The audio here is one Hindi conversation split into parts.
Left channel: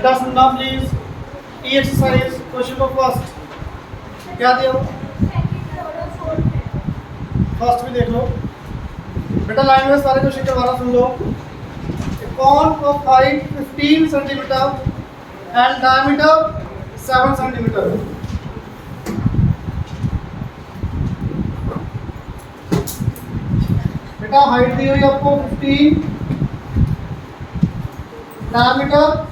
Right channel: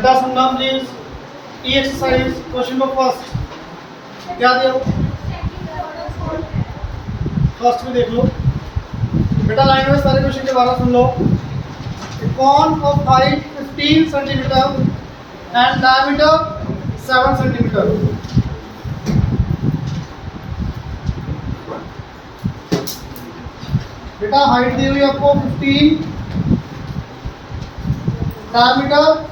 बेटा सुनना please. E exercise question number first क्या दिया हो, फर्स्ट भी देख लो बेटा। लाइन में सारे क्वेश्चन के बारे सुन लो। कौन of height 15 centimetre and diameter 7 centimetre. बेटा हाइट दी हुई आपको 15, डायमीटर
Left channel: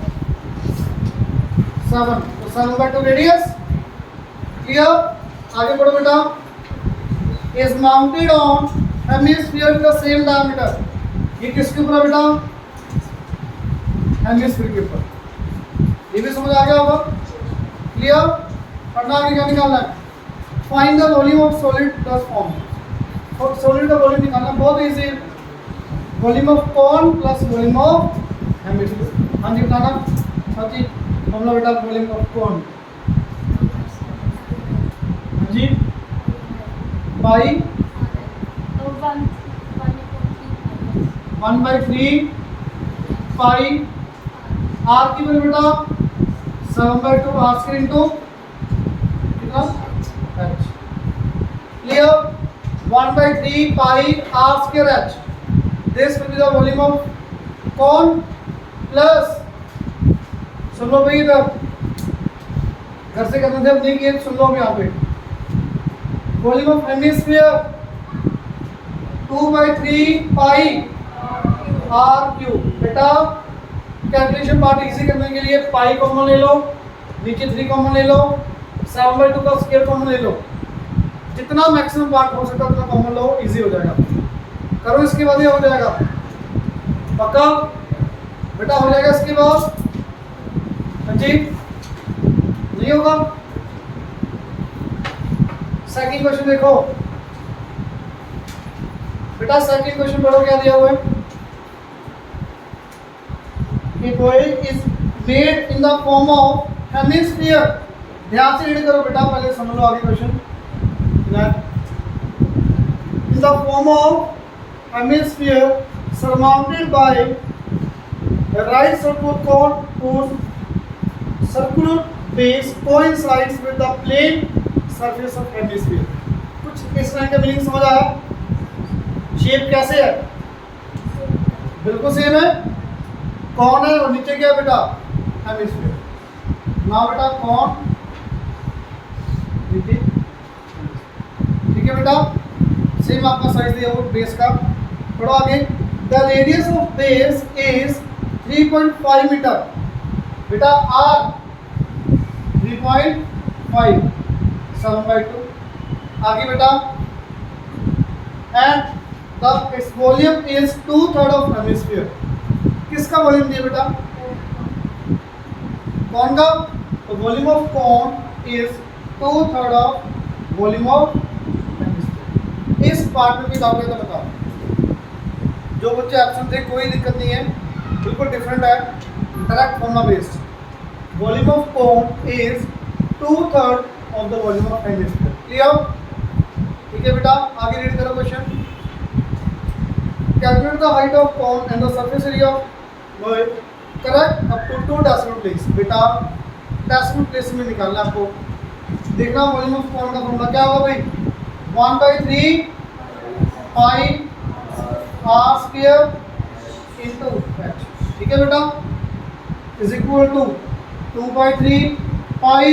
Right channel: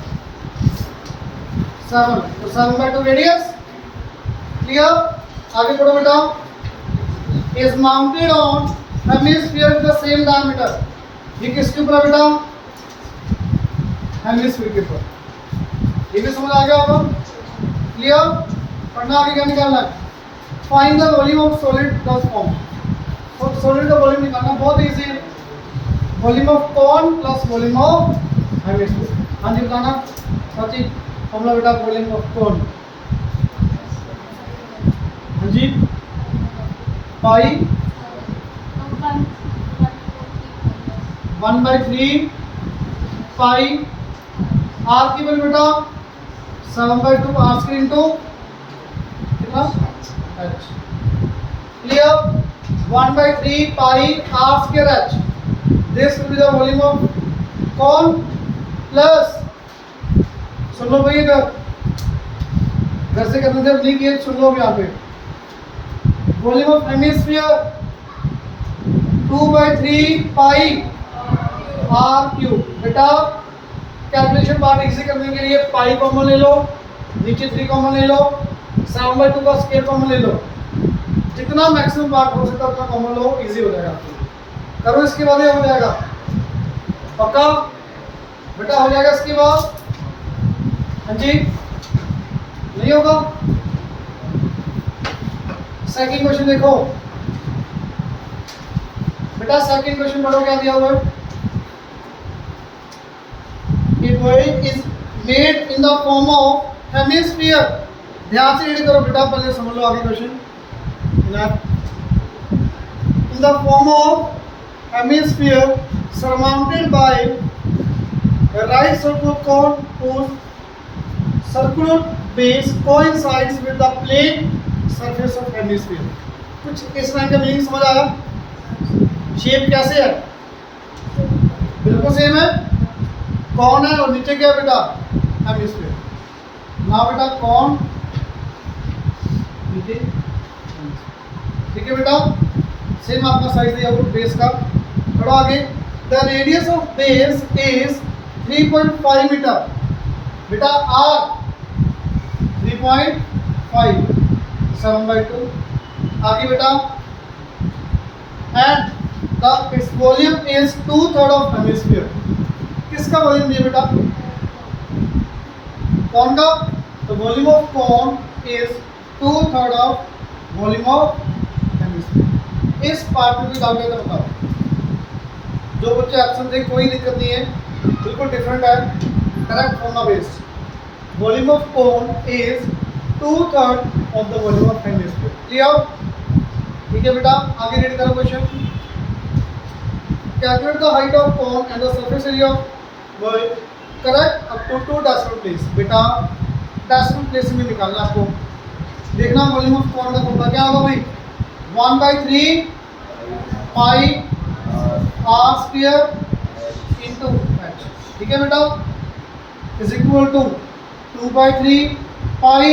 7, तो 7/2 रेडियस। क्लियर? आगे बढ़ो बेटा। Is mounted on hemisphere with the same diameter. ये किसके ऊपर है बेटा? हेमिस्फीयर के ऊपर। ये भी समझ आ गया होगा। क्लियर? पढ़ना आगे क्या निकालना है? Find the volume of solid plus form. और सॉलिड का वॉल्यूम निकालना बहुत इजी है। Volume of cone plus volume of hemisphere. हाँ जी बताना सची फॉर्मूला बेटा। वॉल्यूम ऑफ कॉन हाँ जी बाई 1/3 पाई आर की वैल्यू बेटा 7/2 आर स्क्वायर इंटू कितना h. Clear? 1/3 pi r square h. This will be the volume of cone plus, सुन लो भाई इधर घर से करने से नहीं किए, सुन लो यहाँ पे। Volume of hemisphere 2/3 pi r cube. बेटा कैलकुलेशन पार्ट इजी करने के लिए पाई कॉमन ले लो, नीचे 3 कॉमन ले लो, 7/2 का स्क्वायर कॉमन ले लो। जितना मैक्सिमम पार्ट हो सकता है उतना कॉमन लो, इजी हो जाएगा। करो इसके बाद ये हो जाएगा पक्का बेटा, हो जाएगा इसके बाद। हाँ जी नहीं होगा? सेकंड क्वेश्चन देखो बेटा। सेकंड क्वेश्चन पढ़ो क्या दिया हुआ है। A boy is made in the form of hemisphere। ध्यान से रीड करो बेटा, पहले समझ लो आगे question. In the form of hemisphere surmounted by a right circular cone whose circular base coincides with the plane surface of hemisphere। कुछ इस लाइन का मीनिंग समझ आया? शेप कैसे है? बिल्कुल सेम है। कौन है और नीचे क्या है बेटा? हेमिस्फीयर। ना बेटा कौन नीचे, ठीक है बेटा। सेम आपका साइज दिया वो बेस का। थोड़ा आगे। The radius of base is 3.5 metre. बेटा आर 3.5 7/2। आगे बेटा and the it's volume is 2/3 of hemisphere. किसका वॉल्यूम दिया बेटा? कौन का? तो वॉल्यूम ऑफ कौन is 2/3 of volume of hemisphere. इस पार्ट में भी डाउट है तो बताओ। जो बच्चे एब्सेंट थे कोई दिक्कत नहीं है, बिल्कुल डिफरेंट है, correct formula based. Volume of कौन is 2/3 of the volume of hemisphere. Clear? ठीक है बेटा, आगे रीड करो question. Calculate the height of cone and the surface area of correct up to 2 decimal place. बेटा डेसिमल प्लेस में निकालना आपको। देखना वॉल्यूम ऑफ कौन का फॉर्मूला क्या होगा भाई? 1/3 pi r square into h. ठीक है बेटा, is equal to 2/3 pi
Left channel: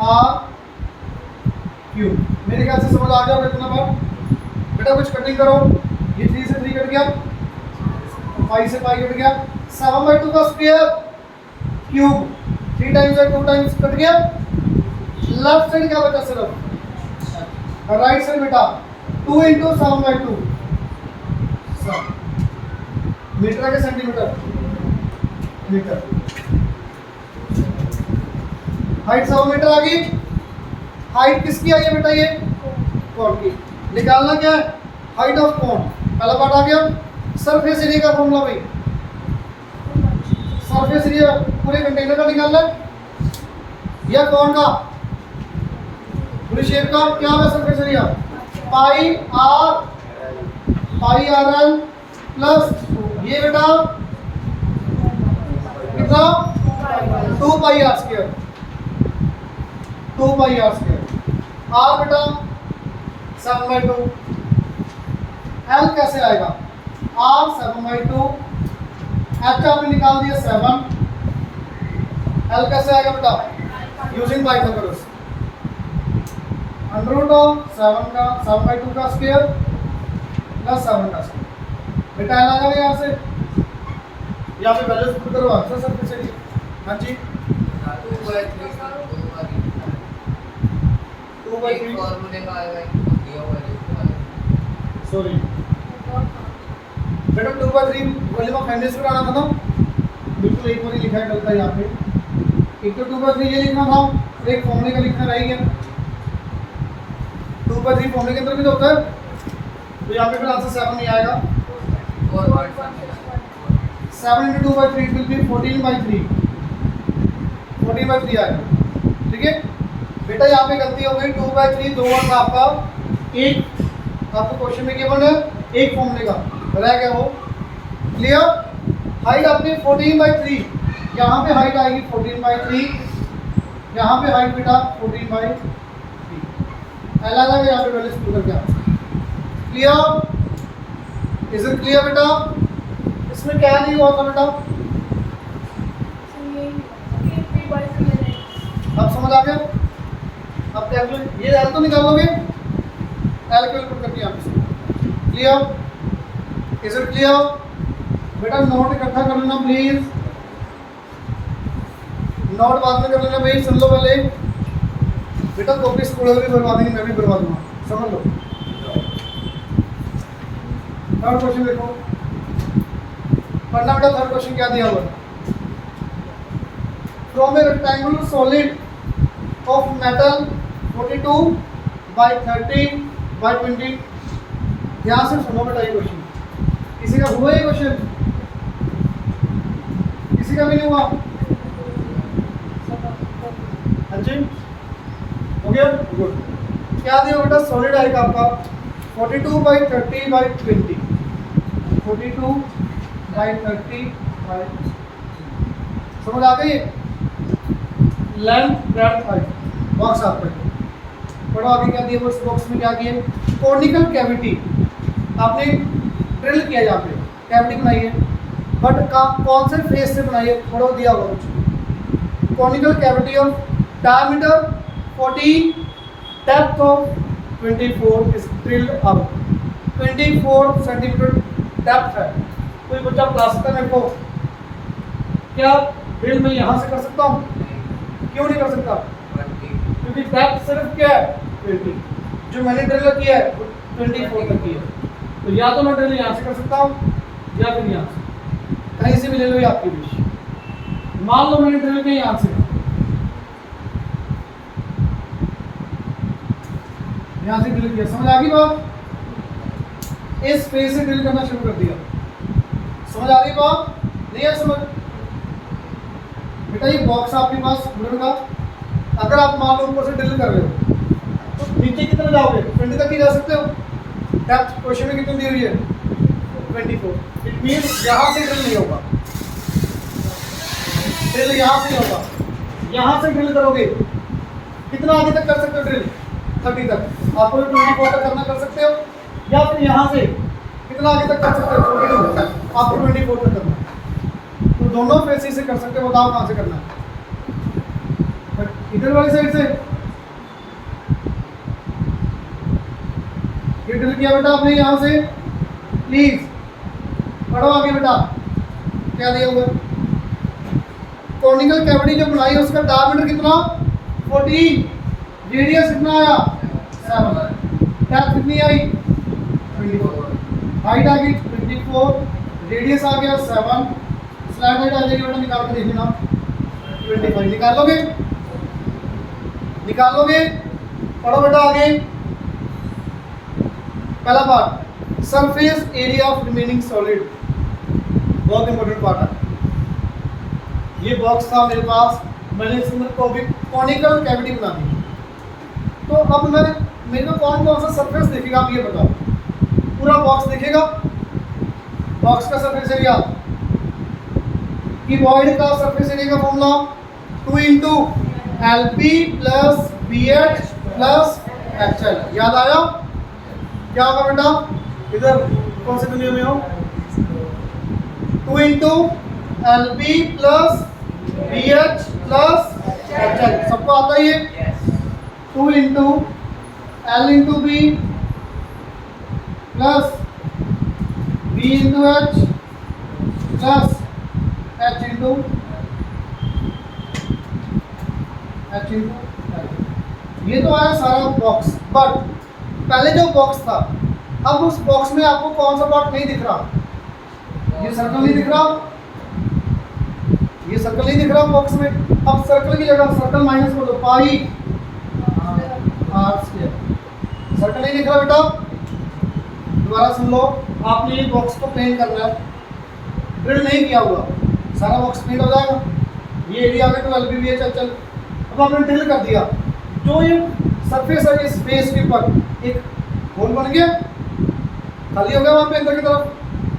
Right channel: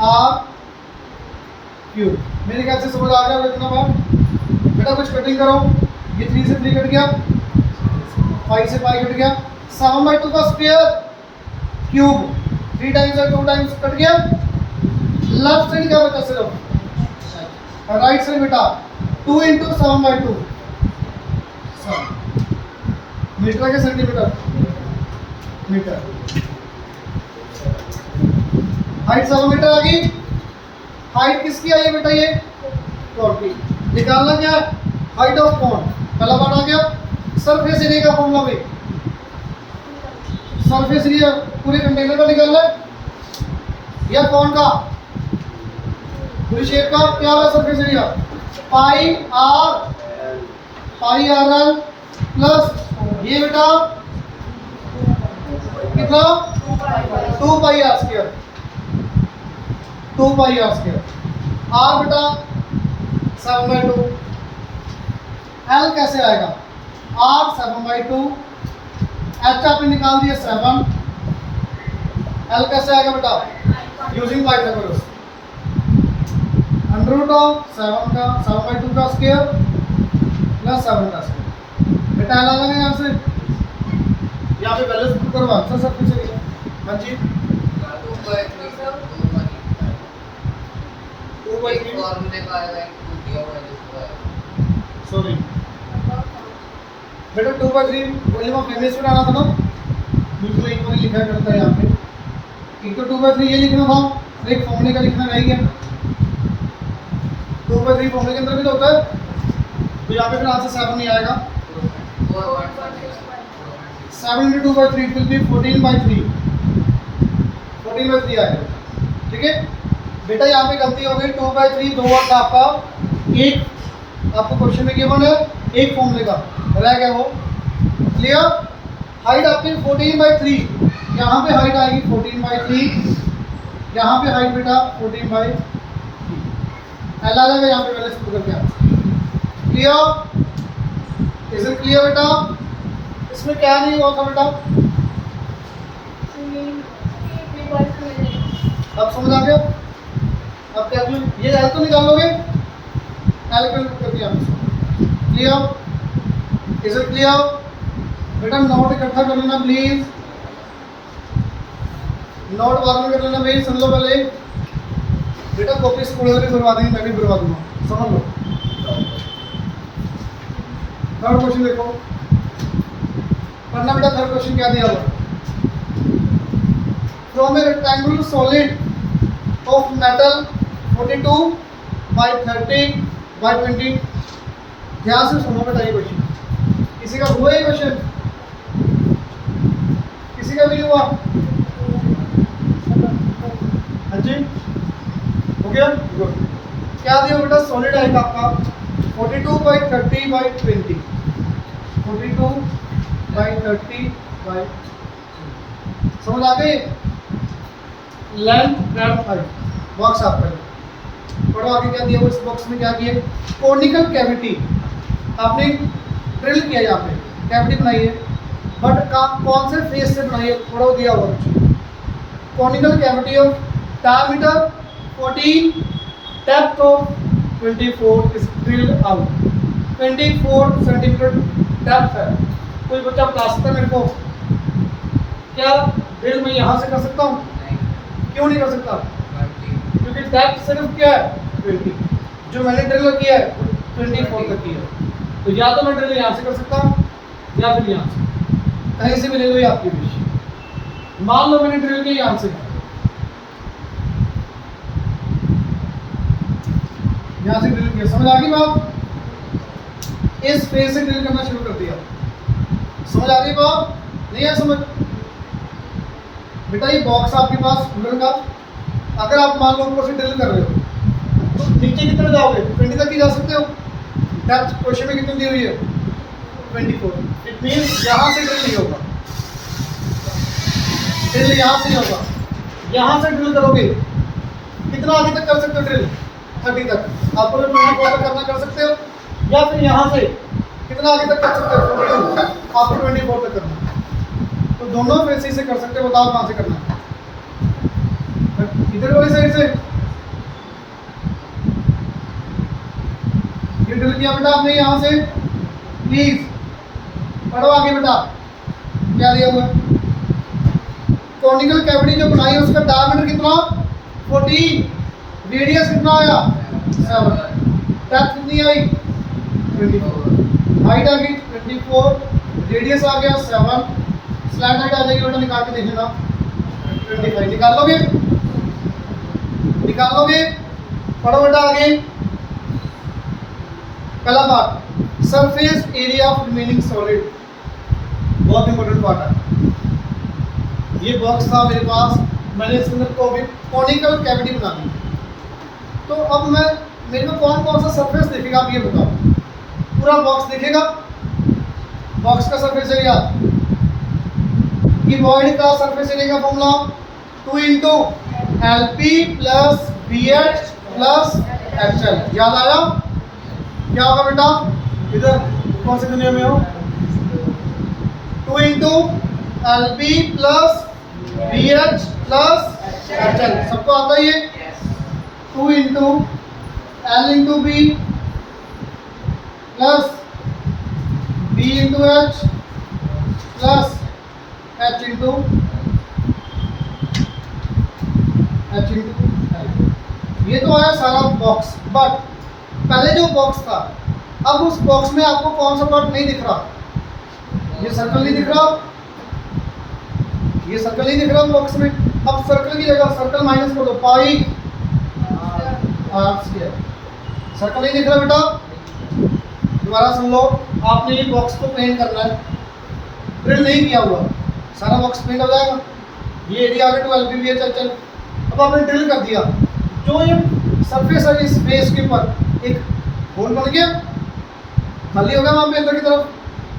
r cube. मेरे ख्याल से समझ आ गया इतना बार। बेटा कुछ कटिंग करो। ये 3 से 3 कट गया, 5 से 5 कट गया, 7/2 का स्क्वायर क्यूब 3 टाइम्स है 2 टाइम्स कट गया। लेफ्ट साइड क्या बचा सिर्फ, राइट साइड बेटा 2 इंटू 7/2 मीटर के सेंटीमीटर मीटर। हाइट 7 मीटर आ गई। हाइट किसकी आई है बेटा? ये कौन की। निकालना क्या है? हाइट ऑफ कौन। पहला पार्ट आ गया। सरफेस एरिया का फॉर्मूला भाई, सरफेस एरिया पूरे कंटेनर का निकालना है या कौन का? पूरी शेप का क्या होगा सरफेस एरिया? पाई आर एल प्लस ये बेटा कितना 2 पाई r², 2 पाई r²। r बेटा 7/2। l कैसे आएगा? r 7/2, h आपने निकाल दिया 7, l कैसे आएगा बेटा? यूजिंग पाइथागोरस, √7/2 का स्क्वायर प्लस 7 का स्क्वायर। बेटा l आ जाएगा यहाँ से, यहाँ पे बैलेंस करो आंसर सब कुछ है। हाँ जी 2/3 फॉर्मूले का आएगा दिया हुआ है सॉरी बेटा 2/3 वॉल्यूम ऑफ एमएस पर आना था ना, बिल्कुल एक बार ही लिखा करता है यहाँ पे। एक तो 2/3 ये लिखना था और एक फॉर्मूले का लिखना रह गया। 2/3 फॉर्मूले के अंदर भी तो होता है, तो यहाँ पे फिर आंसर 7 नहीं आएगा। 7 × 2/3 इट विल बी 14/3, 14/3 आएगा। ठीक है बेटा, यहाँ पे गलती हो गई। 2/3 दो बार था आपका, एक आपको क्वेश्चन में गिवन है, एक फॉर्मूले का रह गया वो। क्लियर? हाइट आपकी 14/3, यहाँ पे हाइट आएगी 14/3, यहाँ पे हाइट बेटा 14/3। एल आ जाएगा यहाँ पे पहले से बदल के। क्लियर? इज इट क्लियर बेटा? इसमें क्या नहीं हुआ था बेटा? अब समझ आ गया? अब क्या ये एल तो निकालोगे, एल को करके यहाँ पे। क्लियर? Is it clear? बेटा नोट इकट्ठा कर लेना प्लीज, नोट बाद में कर लेना भाई। सुन लो पहले बेटा, कॉपी स्कूल भी बर्बाद देंगे, मैं भी बर्बाद दूंगा, समझ लो। थर्ड क्वेश्चन देखो, पढ़ना बेटा। थर्ड क्वेश्चन क्या दिया हुआ? From A rectangular solid of metal 42/30/20। ध्यान से सुनो बेटा ये क्वेश्चन। किसी का हुआ ये क्वेश्चन? किसी का भी नहीं हुआ? हाँ जी हो गया, गुड। क्या दिया बेटा? सॉलिड आएगा आपका 42/30/20, 42/30/20। समझ आ गई? लेंथ ब्रेड्थ हाइट बॉक्स आपका। पढ़ो आगे क्या दिया वो। इस बॉक्स में क्या किया? कॉनिकल कैविटी आपने ड्रिल किया, यहाँ पे कैविटी बनाई है, बट कौन से फेस से बनाई है? पढ़ो दिया हुआ कुछ। Conical cavity of diameter 14, depth of 24 is drilled out. 24 centimetre depth है। कोई बच्चा बता सकता है मेरे को क्या ड्रिल मैं यहाँ से कर सकता हूँ? क्यों नहीं कर सकता? क्योंकि डेप्थ सिर्फ क्या है? 20। जो मैंने ड्रिल किया है वो 24 तक की है। तो या तो मैं ड्रिल यहाँ से कर सकता हूँ या फिर यहाँ से, कहीं से भी ले लो, ये आपकी विश। मान लो मैंने ड्रिल किया यहाँ से, यहाँ से ड्रिल किया। समझ आ गई बात? इस फेस से ड्रिल करना शुरू कर दिया। समझ आ रही बात? नहीं है समझ? बेटा ये बॉक्स आपके पास कूलर का, अगर आप मान लो ऊपर से ड्रिल कर रहे हो तो नीचे कितने जाओगे? 20 तक ही जा सकते हो। डेप्थ क्वेश्चन में कितनी दी हुई है? 24। इट मीन यहाँ से ड्रिल नहीं होगा, ड्रिल यहाँ से ही होगा। यहाँ से ड्रिल करोगे कितना आगे तक कर सकते हो? ड्रिल 30 तक। आपको 24 तक करना कर सकते हो, या फिर यहाँ से कितना आगे तक कर सकते हो? 42। आपको 24 तक करना। तो दोनों फेस से कर सकते हो। बताओ कहाँ से करना है? इधर वाली साइड से। ये ड्रिल किया बेटा आपने यहाँ से। प्लीज पढ़ो आगे बेटा क्या दिया हुआ है। कॉनिकल कैविटी जो बनाई है उसका डायमीटर कितना? 14। रेडियस कितना आया? 7। डेप्थ कितनी आई? 24। हाइट आ गई 24, रेडियस आ गया 7। स्लैंट हाइट आ जाएगी बेटा, निकाल के देख लेना 25। निकाल लोगे? निकाल लोगे? पढ़ो बेटा आगे। पहला part, surface area of remaining solid, बहुत इंपॉर्टेंट पार्ट है। ये बॉक्स था मेरे पास, मैंने इसके अंदर कॉनिकल कैविटी बना दी। तो अब मेरे को कौन कौन सा सरफेस दिखेगा आप ये बताओ। पूरा बॉक्स दिखेगा, बॉक्स का सरफेस एरिया क्यूबॉइड का सरफेस एरिया का formula 2 into l p plus b h plus h l. याद आया? क्या होगा बेटा? इधर कौन सी दुनिया में हो? 2 into l b plus b h plus h l. सबको आता ही है? 2 into l into b plus b into h plus h into l. ये तो आया सारा बॉक्स, बट पहले जो बॉक्स था, अब उस बॉक्स में आपको कौन सा पार्ट नहीं दिख रहा? ये सर्कल नहीं दिख रहा, ये सर्कल नहीं दिख रहा बॉक्स में। अब सर्कल की जगह सर्कल माइनस कर दो, पाई आर स्क्वायर। सर्कल नहीं दिख रहा बेटा? दोबारा सुन लो, आपने ये बॉक्स को पेंट करना है, ड्रिल नहीं किया हुआ, सारा बॉक्स पेंट हो जाएगा। ये एरिया आ गया 12 पी चल। अब आपने ड्रिल कर दिया, जो ये सरफेस है इस फेस के ऊपर एक होल बन गया, खाली हो गया वहाँ पे अंदर की तरफ,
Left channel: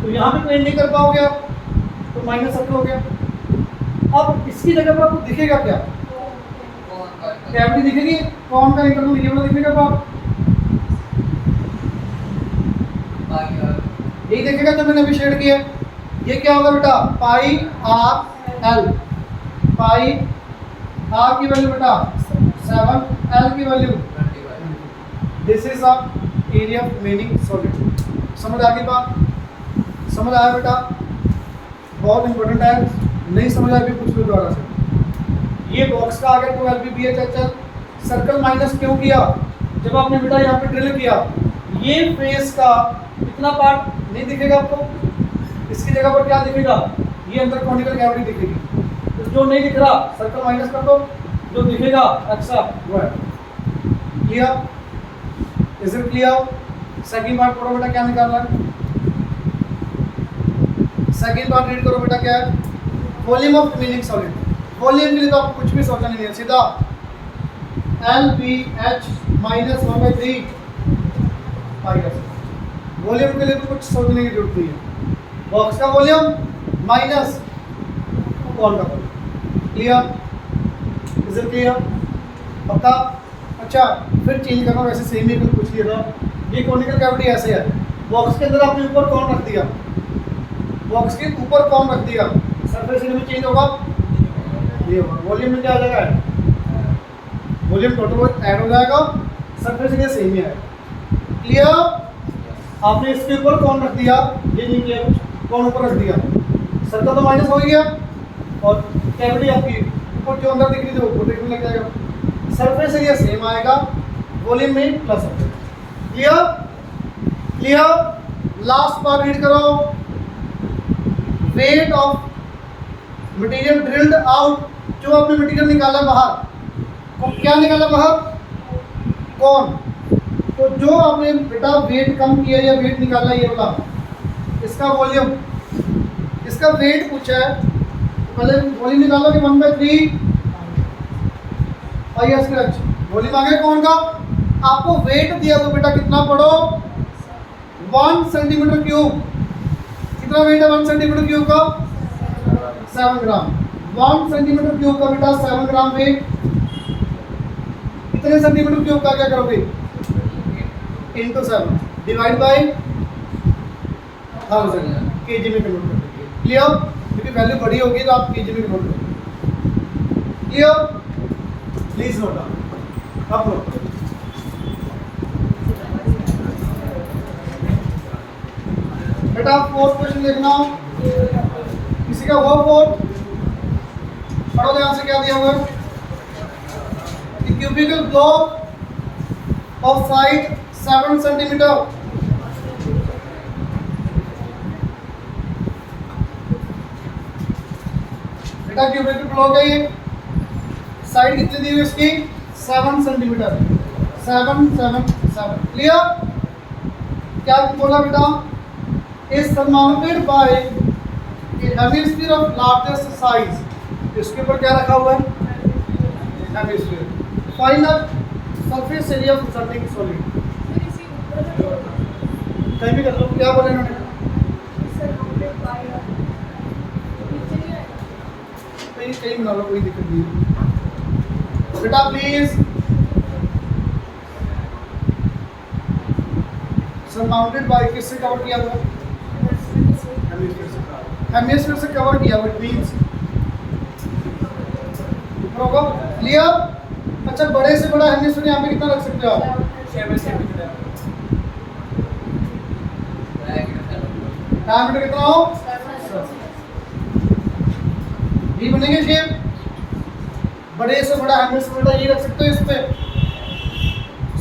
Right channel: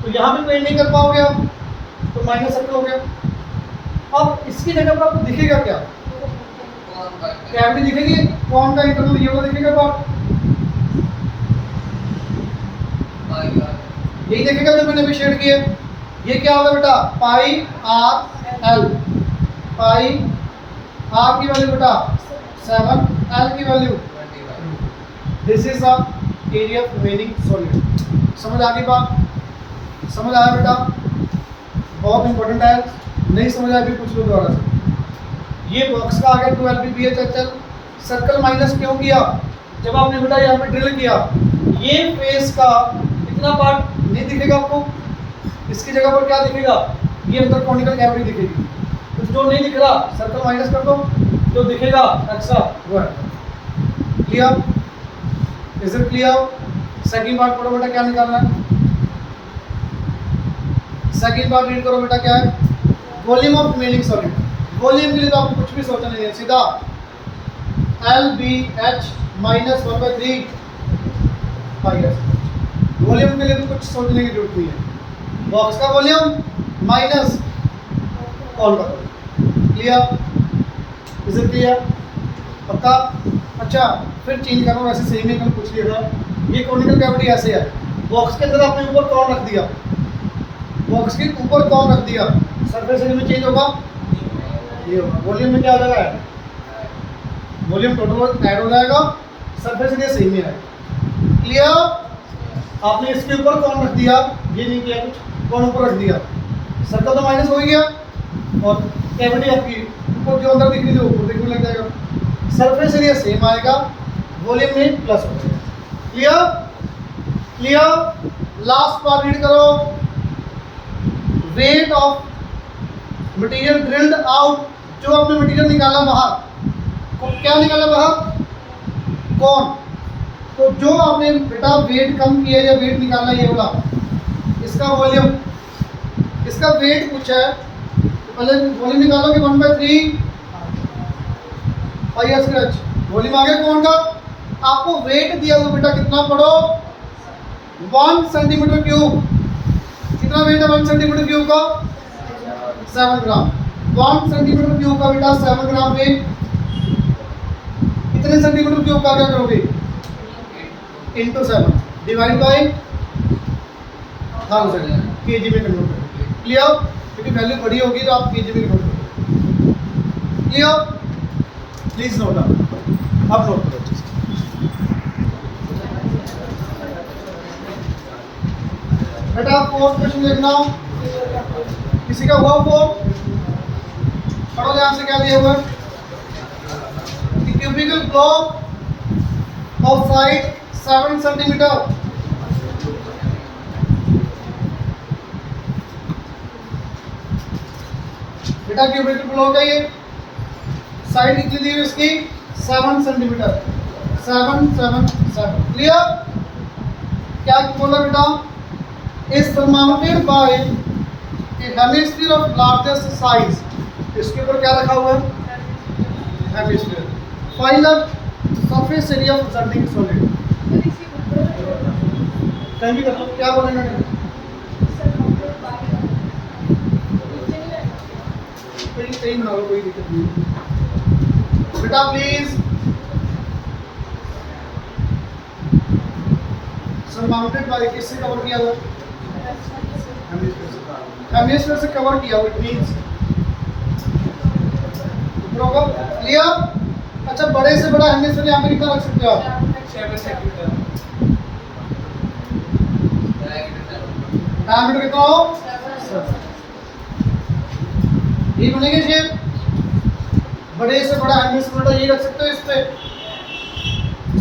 तो यहाँ पे पेंट नहीं कर पाओगे आप, तो माइनस सर्कल हो गया। अब इसकी जगह पर आपको दिखेगा क्या? कैविटी दिखेगी, कौन का इंटरनल ये वाला दिखेगा पार्ट, यही देखेगा जो मैंने अभी शेड किया। ये क्या होगा बेटा? पाई आर एल। पाई आर की वैल्यू बेटा 7, एल की value 25। This is the area of remaining solid. समझ आ गई बात? समझ आया बेटा? बहुत इंपॉर्टेंट है, नहीं समझ आया भी पूछ लो दोबारा से। ये बॉक्स का आ गया 12 p b h h l. Circle minus क्यों किया? जब आपने बेटा यहाँ पे ड्रिल किया, ये फेस का इतना पार्ट नहीं दिखेगा आपको, इसकी जगह पर क्या दिखेगा? ये अंदर कॉनिकल कैविटी दिखेगी। तो जो नहीं दिख रहा सर्कल माइनस कर दो, जो दिखेगा एक्स्ट्रा वो है। Clear? Is it clear? Second part पढ़ो बेटा, क्या निकालना है? सेकंड पार्ट रीड करो बेटा, क्या है? Volume of remaining solid. Volume के लिए तो आपको कुछ भी सोचना नहीं है, सीधा एल बी एच माइनस 1/3 पाई एस। वॉल्यूम के लिए तो कुछ सोचने की जरूरत नहीं है। बॉक्स का वॉल्यूम माइनस कॉन का volume. Clear? Is it clear? पक्का? अच्छा, फिर चेंज करना, वैसे सेम ही कल पूछ लिया था। ये कॉनिकल कैविटी ऐसे है, बॉक्स के अंदर आपने ऊपर कौन रख दिया, बॉक्स के ऊपर कौन रख दिया, सरफेस एरिया में चेंज होगा, ये होगा। वॉल्यूम में क्या आ जाएगा? वॉल्यूम टोटल ऐड हो जाएगा, सरफेस एरिया सेम ही है। क्लियर? आपने इसके ऊपर कौन रख दिया, ये नहीं किया कुछ, कौन ऊपर रख दिया, सर्कल तो माइनस हो ही गया, और कैविटी आपकी ऊपर जो अंदर दिख रही थी ऊपर दिखने लग जाएगा। सरफेस एरिया सेम आएगा, वॉल्यूम में प्लस हो जाएगा। Clear? Clear? Last part read करो। Weight of material drilled out, जो आपने मटेरियल निकाला बाहर, को क्या निकाला बाहर? कौन? तो जो आपने बेटा वेट कम किया या वेट निकाला ये वाला, इसका वॉल्यूम, इसका वेट पूछा है, पहले वॉल्यूम निकालोगे 1/3 पाई आर स्क्वायर। वॉल्यूम आ गया कौन का? आपको वेट दिया हुआ बेटा कितना पढ़ो? 1 सेंटीमीटर क्यूब। कितना वेट है 1 सेंटीमीटर क्यूब का? 7 ग्राम। 1 सेंटीमीटर क्यूब का बेटा 7 ग्राम वेट। कितने सेंटीमीटर क्यूब का क्या करोगे? इंटू 7 डिवाइड बाई 1000 केजी में कन्वर्ट करोगे। क्लियर? क्योंकि वैल्यू बड़ी होगी तो आप केजी में कन्वर्ट करोगे। क्लियर? Please note down. अब नोट करो बेटा। 4th क्वेश्चन देखना, किसी का हुआ 4? पढ़ो ध्यान से, क्या दिया हुआ है? Cubical block of side 7 centimetre. बेटा क्यूबिकल ब्लॉक है, ये साइड कितनी दी हुई इसकी? 7 सेंटीमीटर। 7 7 7। क्लियर? क्या बोला बेटा? Is surmounted by a hemisphere of largest size। इसके ऊपर क्या रखा हुआ है? Hemisphere. Find the surface area of resulting solid. कहीं भी कर लो, क्या बोले उन्होंने? कहीं बना लो, कोई दिक्कत नहीं। बेटा प्लीज सरमाउंटेड बाय किससे कवर किया हुआ? हेमिस्फीयर से कवर किया हुआ, इट मींस क्लियर। अच्छा, बड़े से बड़ा हेमिस्फीयर यहाँ पे कितना रख सकते हो आप? 7 सेंटीमीटर। डायमीटर कितना हो? ये बनेंगे शेप। बड़े से बड़ा हेमिस्फीयर बेटा ये रख सकते हो इस पे।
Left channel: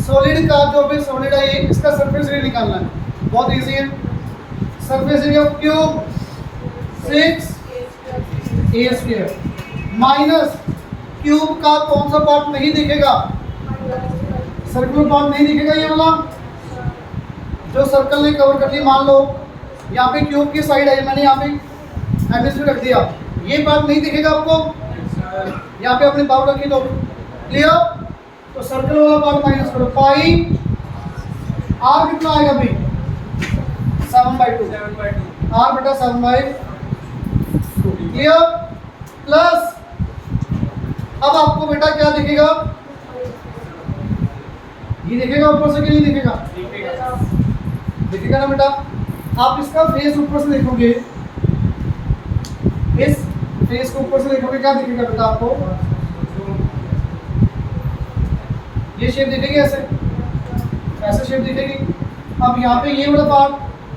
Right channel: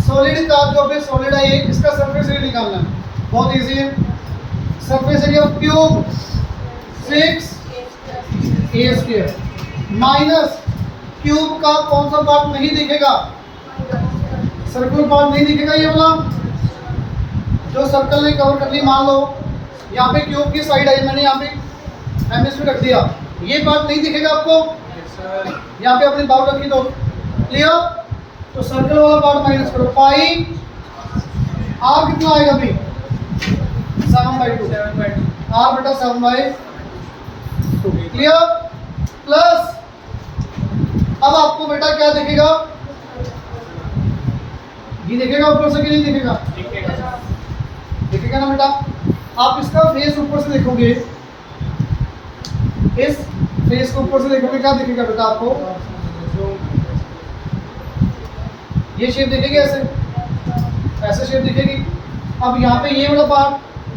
सॉलिड का जो भी सॉलिड है ये, इसका सरफेस एरिया निकालना है, बहुत इजी है। Surface area of cube 6a² minus cube का कौन सा पार्ट नहीं दिखेगा? सर्कुलर पार्ट नहीं दिखेगा, ये वाला जो सर्कल ने कवर कर लिया। मान लो यहाँ पे क्यूब की साइड है, मैंने यहाँ पे हेमिस्फीयर रख दिया, ये पार्ट नहीं दिखेगा आपको। यहाँ पे अपनी बाउल रखी तो क्लियर। तो सर्कल वाला पार्ट माइनस करो, पाई आर कितना आएगा अभी? 7/2। आर बेटा 7/2 क्लियर। प्लस अब आपको बेटा क्या दिखेगा? ये दिखेगा ऊपर से कि नहीं दिखेगा? दिखेगा ना बेटा। आप इसका फेस ऊपर से देखोगे, इस फेस को ऊपर से देखोगे, क्या दिखेगा बेटा आपको? ये शेप दिखेगी, ऐसे शेप दिखेगी। अब यहाँ पे ये वाला पार्ट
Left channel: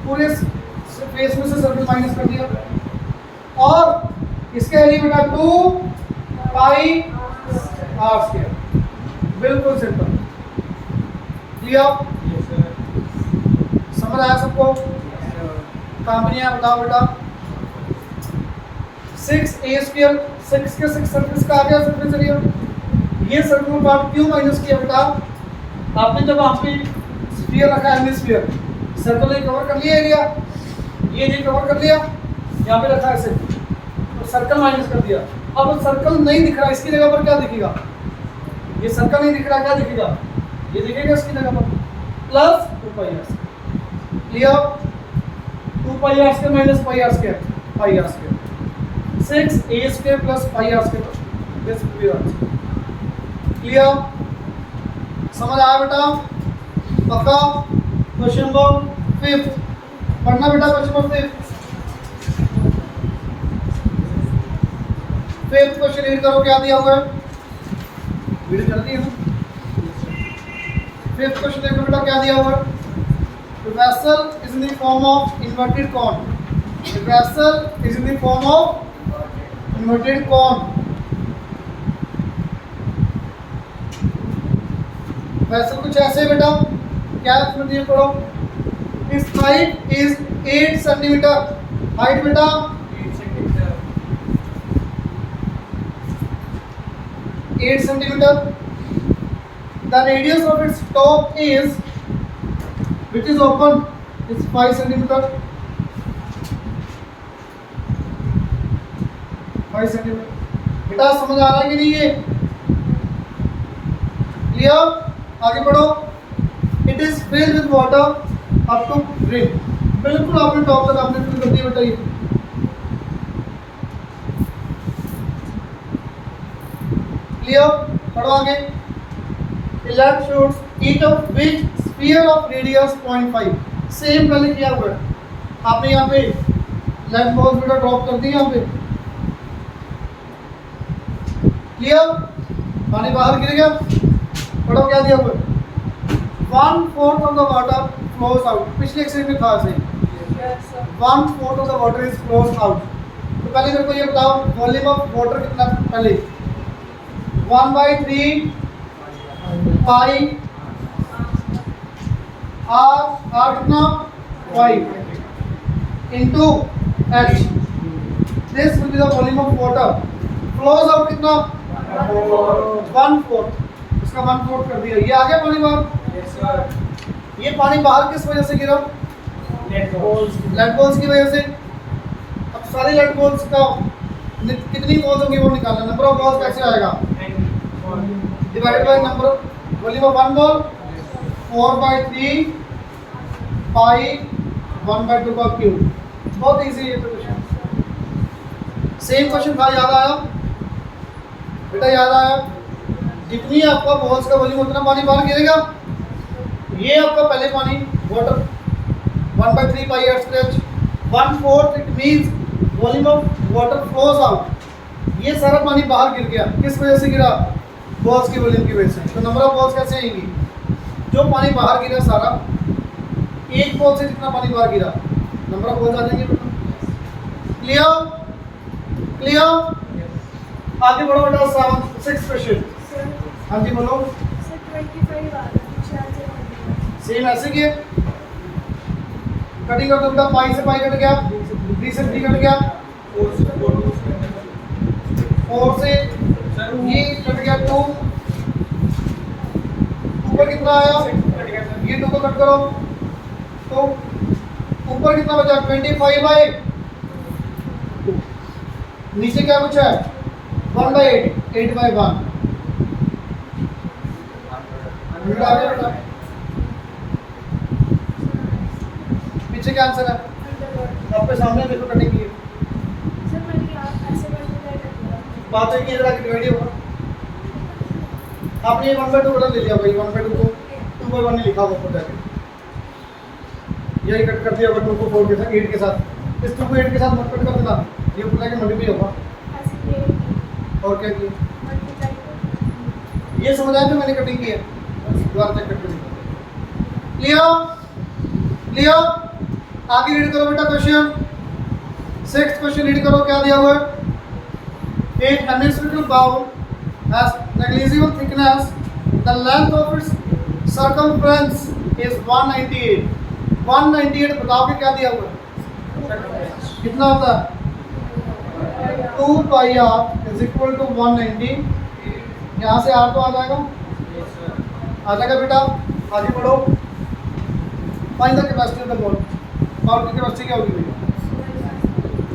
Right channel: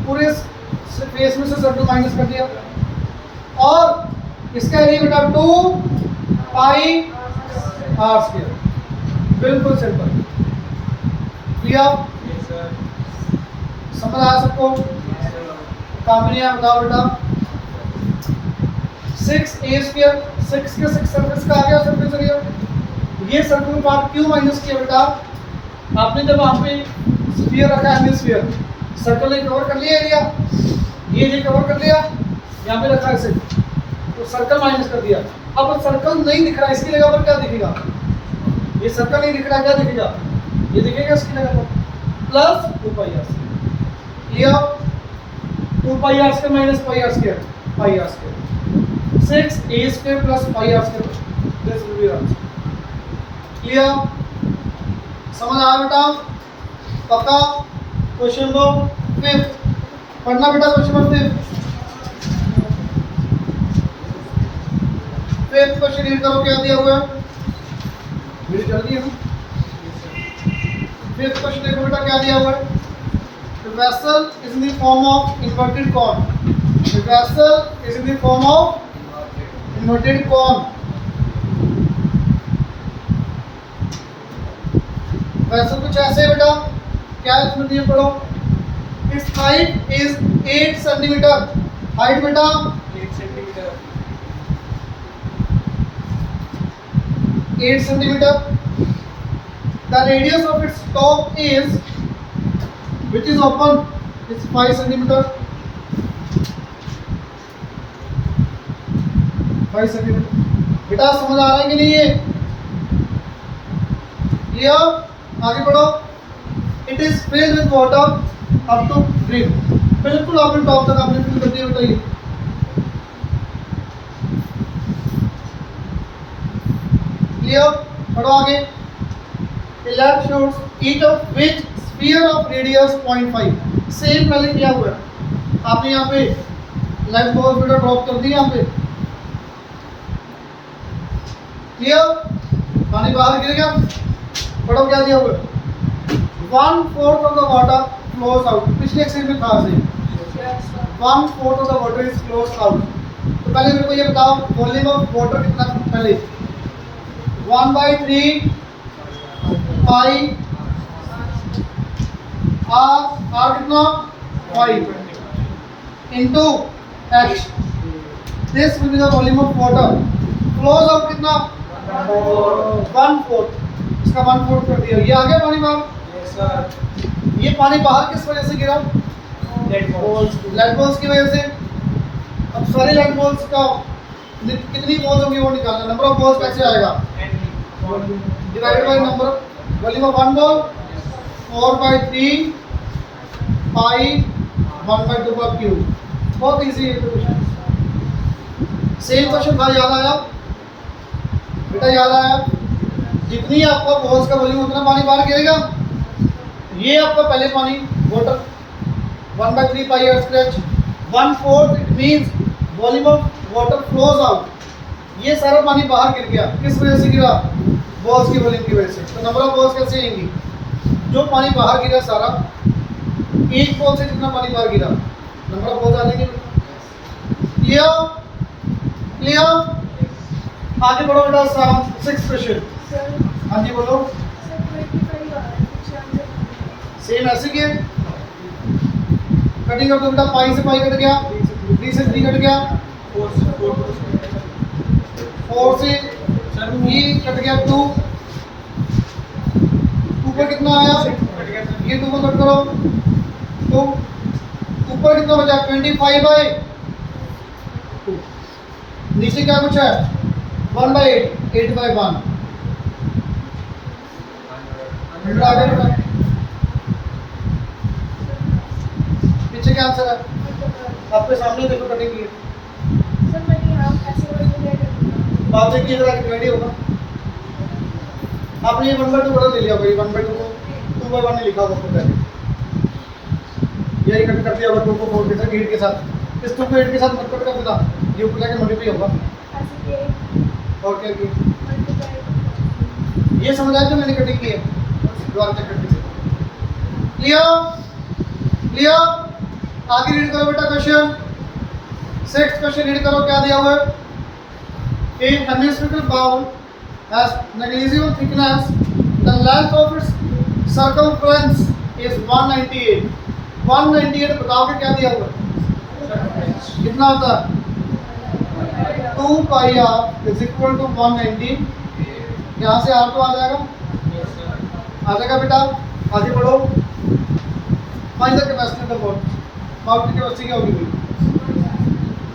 पूरे फेस में से सर्कल माइनस कर दिया, और इसका एरिया बेटा 2πr²। बिल्कुल सिंपल, क्लियर। समझ आया सबको? काम नहीं आया बताओ बेटा। 6a², 6 के 6 सर्फेस का आ गया सर्फेस एरिया। ये सर्कुलर पार्ट क्यों माइनस किया बेटा? आपने जब वहाँ पे स्फीयर रखा है, हेमिस्फीयर, सर्कल ने कवर कर लिया एरिया, ये कवर कर लिया, यहाँ पे रखा है ऐसे, तो सर्कल माइनस कर दिया। अब सर्कल नहीं दिख रहा, इसकी जगह पर क्या दिखेगा? ये सर्कल नहीं दिख रहा, क्या दिखेगा? ये दिखेगा इसकी जगह पर plus 2πr²। Clear. 2πr² minus πr², πr²। 6a² plus πr², this will B answer. Clear, समझ आया बेटा? पक्का? क्वेश्चन नंबर 5 पढ़ना बेटा। क्वेश्चन नंबर 5 क्वेश्चन रीड करो, क्या दिया हुआ है? रीड कर दिया। 5th क्वेश्चन देखो बेटा, क्या दिया हुआ है? The vessel is in the form of inverted cone. The vessel is in the form of inverted cone. वैसे कुछ ऐसे है बेटा, क्या इसमें दिए पढ़ो। इस हाइट इज 8 सेंटीमीटर। हाइट बेटा 8 centimetre. The radius of its top is, which is open, is 5 centimeter. 5 centimetre. बेटा समझ आ रहा है कि नहीं ये? क्लियर? आगे बढ़ो। It is filled with water up to brim. बिल्कुल आपने टॉप तक आपने फिल कर दिया बेटा ये। क्लियर? पढ़ो आगे। Elect shows each of which sphere of radius 0.5। Same पहले किया हुआ है आपने, यहाँ पे लेफ्ट बॉल बेटा ड्रॉप कर दी यहाँ पे। क्लियर? पानी बाहर गिर गया। पढ़ो क्या दिया हुआ है? 1/4 of the water flows out। पिछले एक्सरसाइज में था सही, 1/4 of the water is flows out। तो पहले मेरे को ये बताओ, वॉल्यूम ऑफ वाटर कितना? पहले 1/3 पाई आर कितना? 5 into H. This will be the volume of water. Flows out कितना? 1/4। इसका 1/4 कर दिया। ये आ गया पानी बाहर। Yes sir. ये पानी बाहर किस वजह से गिरा? Lead balls. लेड बॉल्स की वजह से। अब सारी लेड बॉल्स का कितनी बॉल्स होंगी वो निकालना। नंबर ऑफ बॉल्स कैसे आएगा? Divided by number volume of one ball, 4/3 पाई 1/2 का क्यूब। बहुत इजी है क्वेश्चन। सेम क्वेश्चन था, याद आया? बेटा याद आया, जितनी आपका बॉल्स का वॉल्यूम उतना पानी बाहर गिरेगा। ये आपका पहले पानी water 1/3 pi r square, 1/4 it means volume of water flows out. ये सारा पानी बाहर गिर गया, किस वजह से गिरा? बॉल्स की वॉल्यूम की वजह से। तो नंबर ऑफ बॉल्स कैसे आएंगी? जो पानी बाहर गिरा सारा, एक बॉल से जितना पानी बाहर गिरा, नंबर ऑफ बॉल्स आ जाएंगे। Clear clear? आगे बढ़ो बेटा, 6th क्वेश्चन। हाँ जी बोलो। सेम ऐसे किए, कटिंग कर दो बेटा, पाई से पाई कट गया, 3 से 3 कट गया, 4 से ये कट गया 2, 2 पर कितना आया? ये 2 को कट करो तो ऊपर कितना बचा? 25/2। नीचे क्या कुछ है? 1/8, 8/1। 100 आ गया बेटा। पीछे क्या आंसर है? आपके सामने देखो कटिंग की बातें की, जरा रेडी होगा। आपने ये 1/2 बड़ा ले लिया भाई, 1/2 को 2/1 नहीं लिखा होगा ऊपर जाके, यही कट कर दिया होगा 2 को 4 के साथ, 8 के साथ। इस 2 को 8 के साथ मत कट कर देना, ये ऊपर जाके मल्टीप्लाई होगा। और क्या किया? ये समझ आया? तो मैंने कटिंग की है, दोबारा चेक करके देखो। Clear clear? आगे रीड करो बेटा क्वेश्चन, 6th क्वेश्चन रीड करो, क्या दिया हुआ है? A hemispherical bowl has negligible thickness. The length of its circumference is 198. 198 बताओ कि क्या दिया हुआ है? कितना होता है? 2 पाई r इज इक्वल टू 190। यहाँ से r तो आ जाएगा, आ जाएगा बेटा। आगे बढ़ो, find the capacity of the ball. Ball की कैपेसिटी क्या होगी भाई?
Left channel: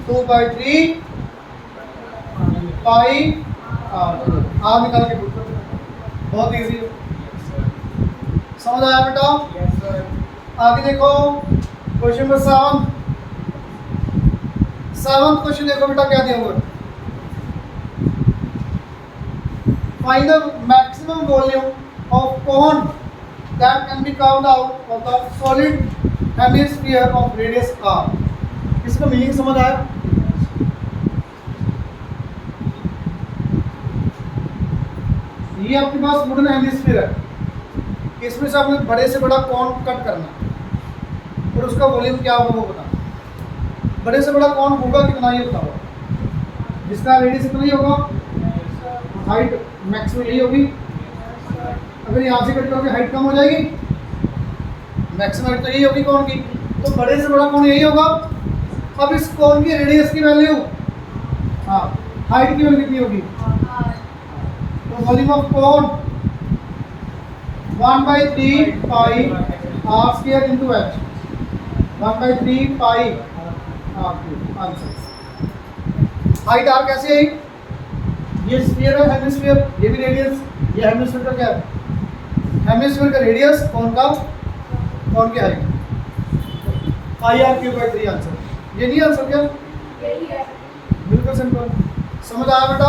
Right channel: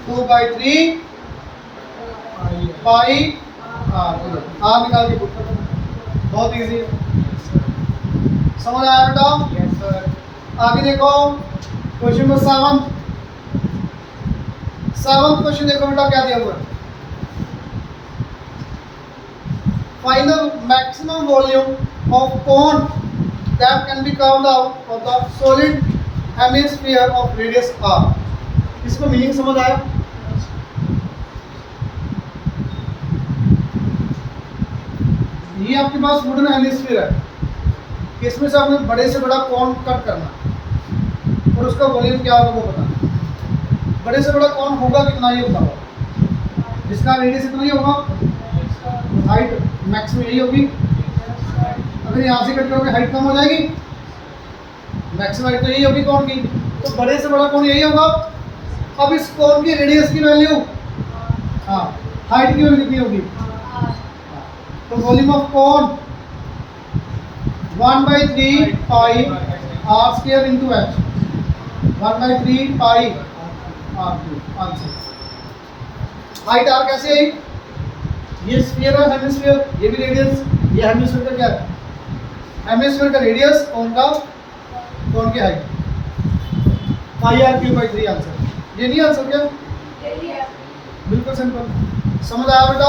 2/3 पाई आर निकाल के पुट कर दो, बहुत इजी है। समझ आया बेटा? आगे देखो क्वेश्चन नंबर 7th क्वेश्चन देखो बेटा, क्या दिया हुआ है? Find the maximum volume of cone that can be carved out of the solid hemisphere of radius r। इसका मीनिंग समझ आया? ये आपके पास वुडन हेमिस्फीयर है, इसमें से आपने बड़े से बड़ा कौन कट करना और उसका वॉल्यूम क्या होगा वो बताना। बड़े से बड़ा कौन होगा कितना, ये बताओ। जिसका रेडियस इतना ही होगा, हाइट मैक्सिमम यही होगी। अगर यहाँ से कट करोगे हाइट कम हो जाएगी, मैक्सिमम हाइट तो यही होगी कौन की, तो बड़े से बड़ा कौन यही होगा। अब इस कौन की रेडियस की वैल्यू, हाँ, हाइट की वैल्यू कितनी होगी? तो volume of cone 1/3 pi r square into h, 1/3 pi r3 answer. Height r कैसे आई? ये स्फीयर है हेमिस्फीयर, ये भी रेडियस, ये हेमिस्फीयर का क्या है? हेमिस्फीयर का रेडियस, कौन का? कौन की हाइट? पाई r3/3 आंसर। ये नहीं आंसर क्या? यही है। बिल्कुल सिंपल। समझ आया बेटा?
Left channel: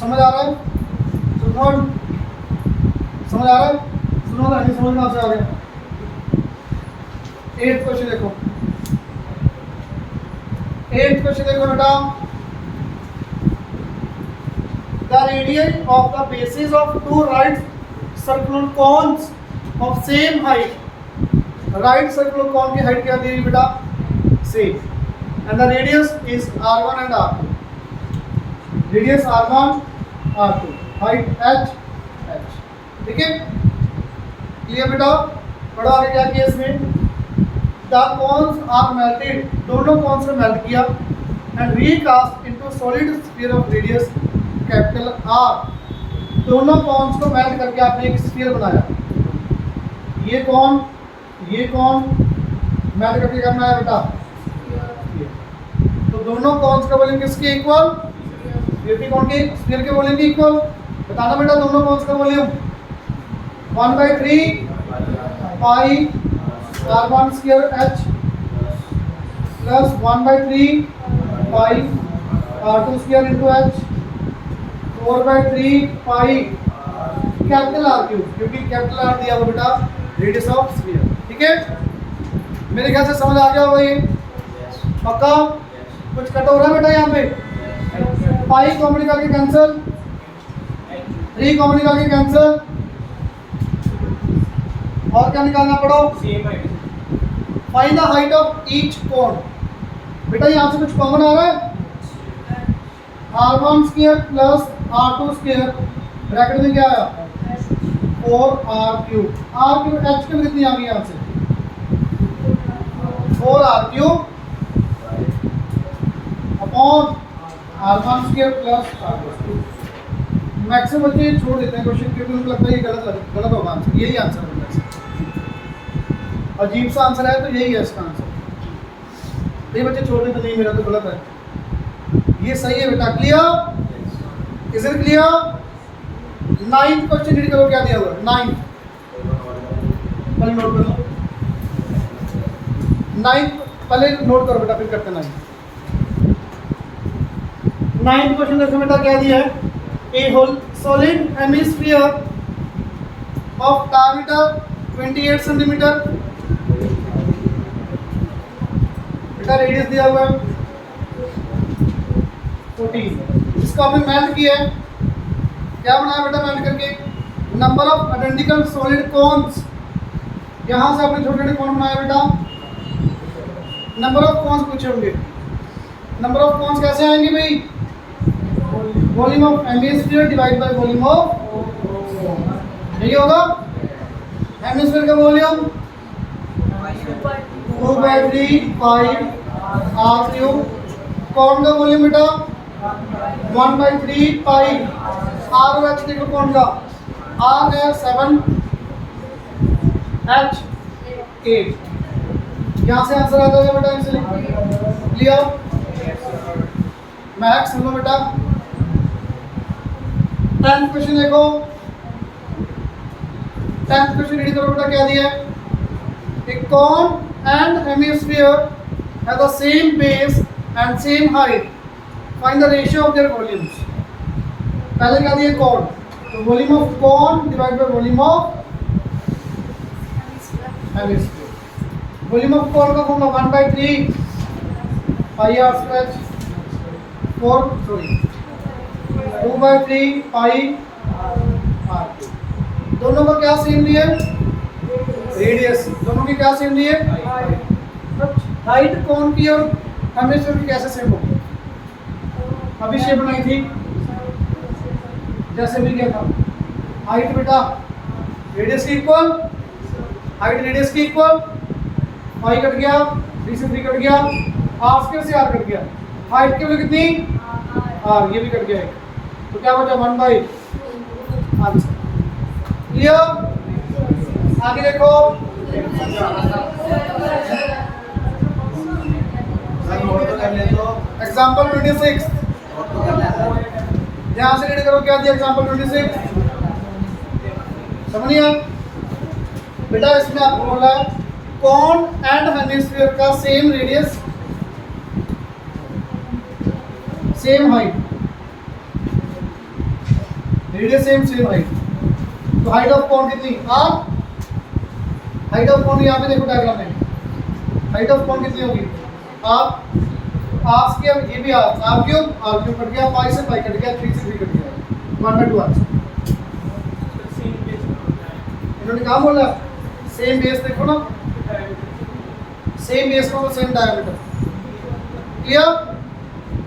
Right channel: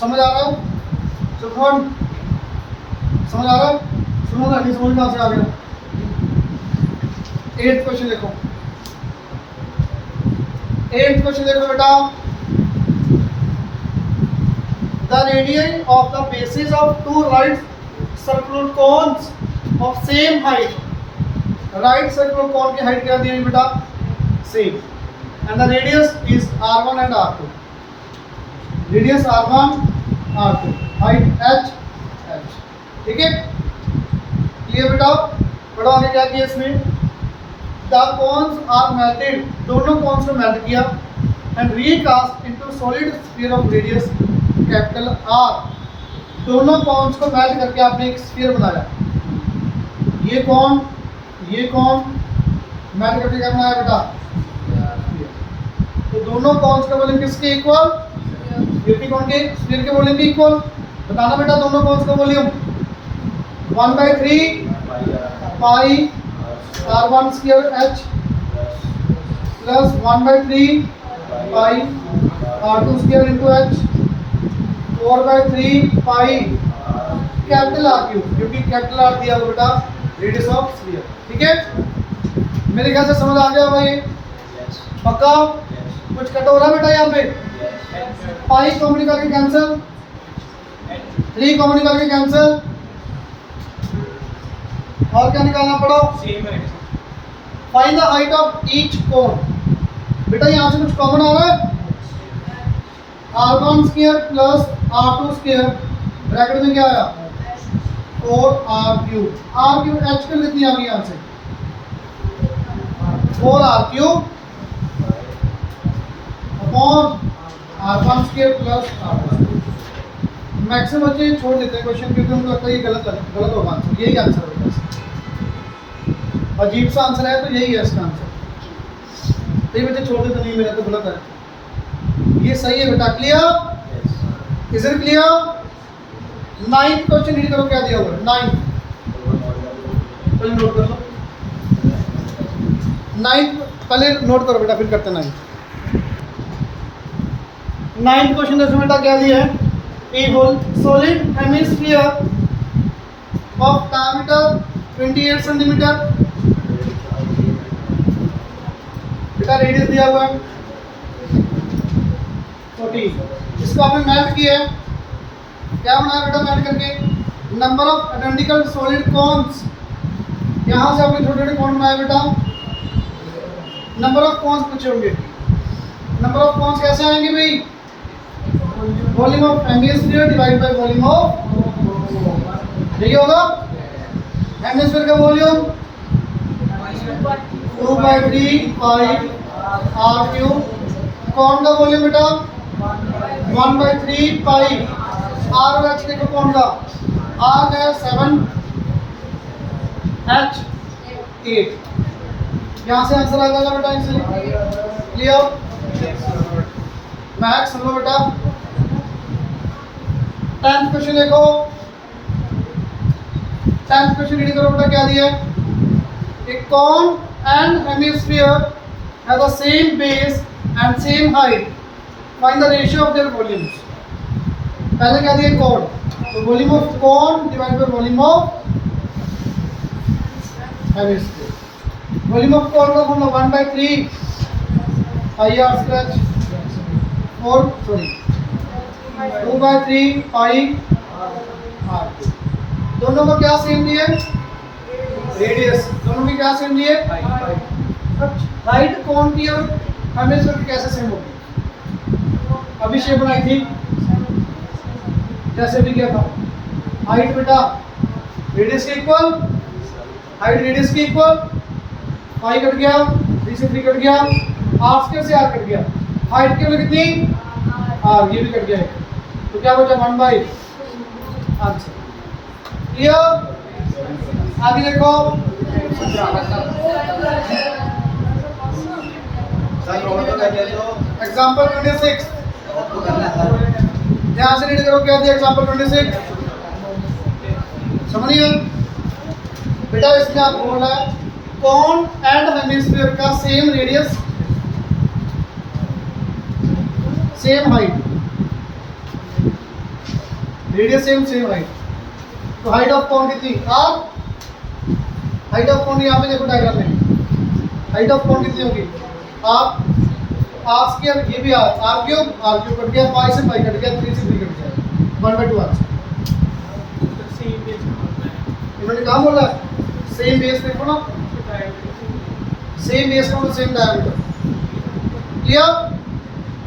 समझ आ रहा है? सुन, समझ आ रहा है? सुनो ना, नहीं समझ कहाँ से आ गया? 8th क्वेश्चन देखो, 8th क्वेश्चन देखो बेटा। The radii of the bases of 2 right circular cones of same height. Right circular cone की height क्या दी हुई बेटा? Same. And the radius is r1 and r2. Radius r1, r2. Height h, h. ठीक है? क्लियर बेटा? बड़ा आगे क्या किया इसमें? The cones are melted. दोनों cones को मेल्ट किया and recast into solid sphere of radius capital R। दोनों कॉन्स को मेल्ट करके आपने एक स्फीयर बनाया। ये कौन मेल्ट करके क्या बनाया बेटा? तो दोनों कॉन्स का वॉल्यूम किसके इक्वल? स्फीयर कौन के? स्फीयर के वॉल्यूम के इक्वल। बताना बेटा दोनों कॉन्स का वॉल्यूम 1/3 पाई r1 स्क्वायर h प्लस 1/3 पाई r2 square into h। 4/3 pi capital R cube, क्योंकि कैपिटल आर दिया हुआ बेटा रेडियस ऑफ स्फीयर। ठीक है, मेरे ख्याल से समझ आ गया होगा ये, पक्का? कुछ कट हो रहा है बेटा यहाँ पे? पाई कॉमन निकाल के कैंसिल, 3 कॉमन निकाल के कैंसिल, और क्या निकालना पड़ो? सेम है। Find the height of each cone. बेटा यहाँ से कुछ कॉमन आ रहा है? r1 square plus r2 square bracket में क्या आया? 4r cube. r cube h cube कितनी आ गई यहाँ से? 4r cube upon r1 square plus r2 square. Maximum बच्चे ये छोड़ देते हैं क्वेश्चन, क्योंकि उनको लगता है ये गलत होगा आंसर। यही आंसर होगा इसका। अजीब सा आंसर है तो यही है इसका आंसर। ये बच्चे छोड़ देते, नहीं मेरा तो गलत है, ये सही है बेटा। Clear? Is it clear? 9th question read करो, क्या दिया हुआ है? 9th पहले नोट कर लो। 9th पहले नोट करो बेटा, फिर करते हैं 9th क्वेश्चन देखो बेटा, क्या दिया है? A whole solid hemisphere of diameter 28 centimetre, बेटा रेडियस दिया हुआ है 14। इसको आपने मेल्ट किया है, क्या बनाया बेटा मेल्ट करके? Number of identical solid cons, यहाँ से आपने छोटे छोटे कॉन बनाए बेटा। नंबर ऑफ कॉन्स पूछे होंगे, नंबर ऑफ कॉन्स कैसे आएंगे भाई? Volume of hemisphere divide by volume of, यही होगा हेमिस्फीयर का वॉल्यूम 2/3 पाई आर क्यूब। कौन का वॉल्यूम बेटा? 1/3 पाई आर और एच देखो कौन का? आर है 7, एच 8। यहाँ से आंसर आ जाएगा बेटा इनसे। क्लियर? मैक्स सुन लो बेटा। 10th क्वेश्चन देखो, 10th क्वेश्चन रीड करो बेटा, क्या दिया है? A cone and hemisphere have the same base and same height. Find the ratio of their volumes. पहले क्या दिया? cone, तो volume of cone divide by volume of hemisphere. Volume of cone का formula 1/3 pi r square 2/3 pi r. दोनों का क्या सेम दिए? रेडियस। दोनों की क्या सेम दिए? हाइट कौन की और हेमिस्फीयर की कैसे सेम होगी? अभी शेप बनाई थी, कैसे भी क्या था? हाइट बेटा रेडियस के इक्वल, हाइट रेडियस के इक्वल, पाई कट गया, 3 से 3 कट गया, आर स्क्वायर से आर कट गया, हाइट के लिए कितनी? आर, ये भी कट गया है, तो क्या बचा? 1/, आंसर। क्लियर? आगे देखो, एग्जाम्पल 26, ध्यान से रीड करो, क्या दिया एग्जाम्पल 26? समझिए बेटा, इसमें आपको बोला है कॉन एंड हेमिस्फीयर का same radius same height, radius same height, तो हाइट ऑफ कॉन कितनी? आर। हाइट ऑफ कॉन यहाँ पे देखो डायग्राम में, हाइट ऑफ कॉन कितनी होगी? आर स्क्वायर, ये भी आर क्यूब कट गया, पाई से पाई कट गया, 3 से 3 कट गया, 1/2 आंसर। इन्होंने कहा बोला सेम बेस, देखो ना सेम बेस का same diameter. Clear?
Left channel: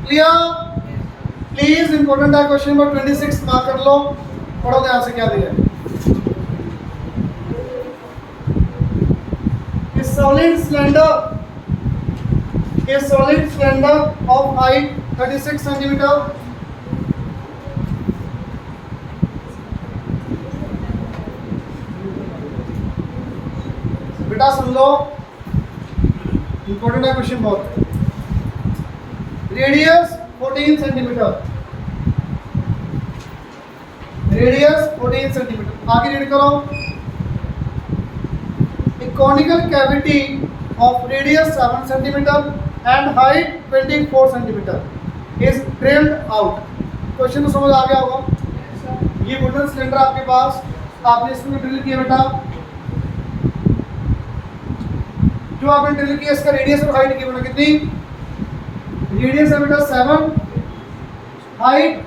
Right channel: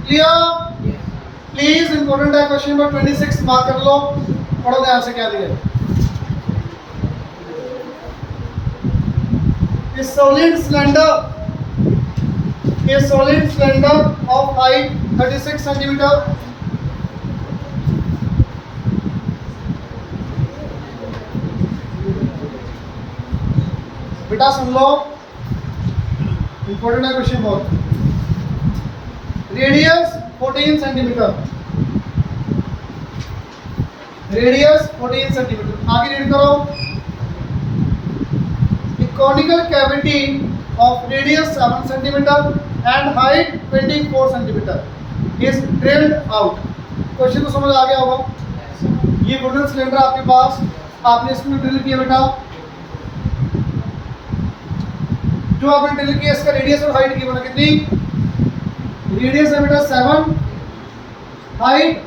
Clear? Please important है क्वेश्चन नंबर 26, मार्क कर लो, पढ़ो ध्यान से क्या दिया है। A solid cylinder of height 36 centimeter बेटा सुन लो, इंपॉर्टेंट है क्वेश्चन बहुत। Radius 14 centimetre, radius 14 centimetre. आगे रीड करो, conical cavity of radius 7 centimeter and height 24 centimeter is drilled out. Question तो समझ आ गया होगा। ये वुडन सिलेंडर आपके पास, आपने इसमें ड्रिल किया बेटा, जो आपने ड्रिल किया इसका रेडियस और हाइट की बना कितनी, रेडियस है बेटा 7, हाइट